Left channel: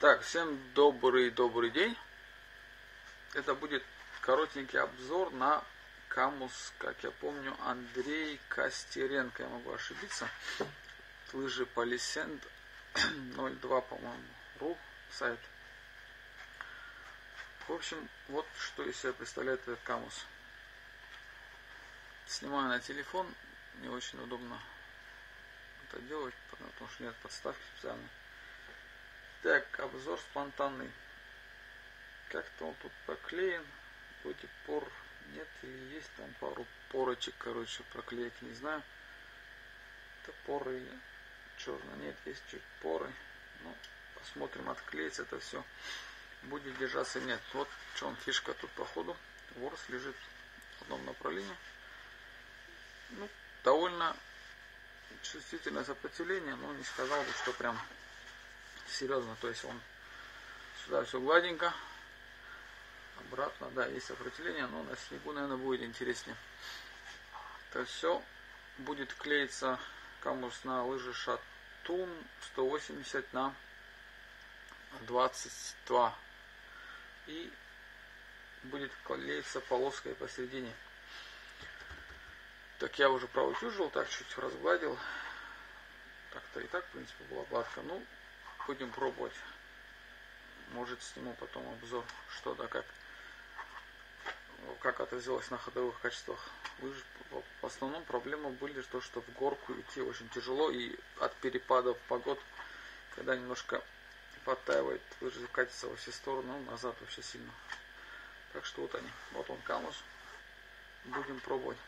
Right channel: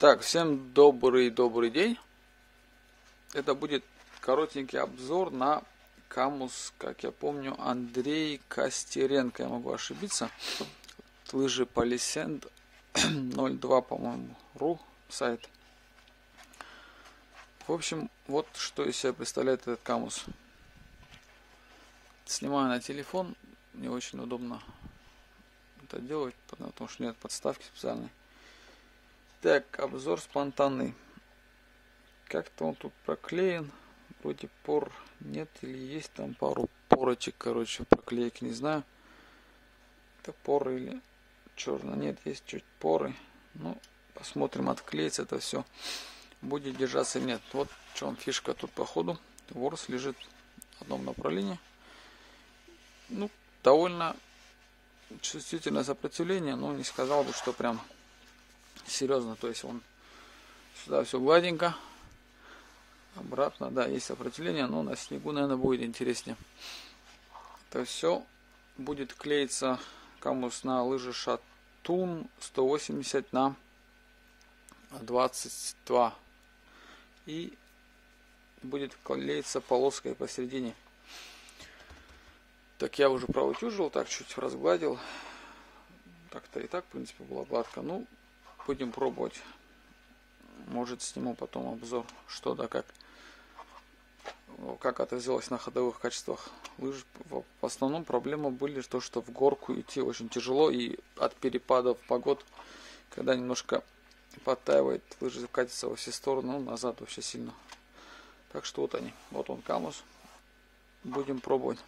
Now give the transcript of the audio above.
Так, всем добрый день. Это будет коротенький обзор на Камус, как я помню, Андрей Костеренко, я могу ошибиться. Лыжи Полисенд 02, по-моему, ру сайт. В общем, вот что из себя представляет этот Камус. Снимаю на телефон, не очень удобно это делать, потому что нет подставки специальной. Так, обзор спонтанный. Как-то он тут проклеен. Вроде пор нет или есть там пару порочек, короче, проклейки, не знаю. Это поры или черно. Нет, есть чуть поры. Ну, посмотрим, отклеится это все. Будет держаться или нет. Вот в чем фишка тут походу. Ворс лежит в одном направлении. Ну, довольно чувствительное сопротивление, но не сказал бы, что прям серьезно. То есть он сюда все гладенько. Обратно, да, есть сопротивление, но на снегу, наверное, будет интереснее. Это все будет клеиться Камус на лыжи Шатун 180 на 22. И будет клеиться полоской посередине. Так я уже проутюжил, так чуть разгладил. Так-то и так, в принципе, было гладко. Ну, будем пробовать. Может, сниму потом обзор, что да как отразилось на ходовых качествах лыж. В основном проблемы были то, что в горку идти очень тяжело, и от перепадов погод, когда немножко подтаивает, лыжи катятся во все стороны, назад вообще сильно. Так что вот они, вот он Камус. Будем пробовать.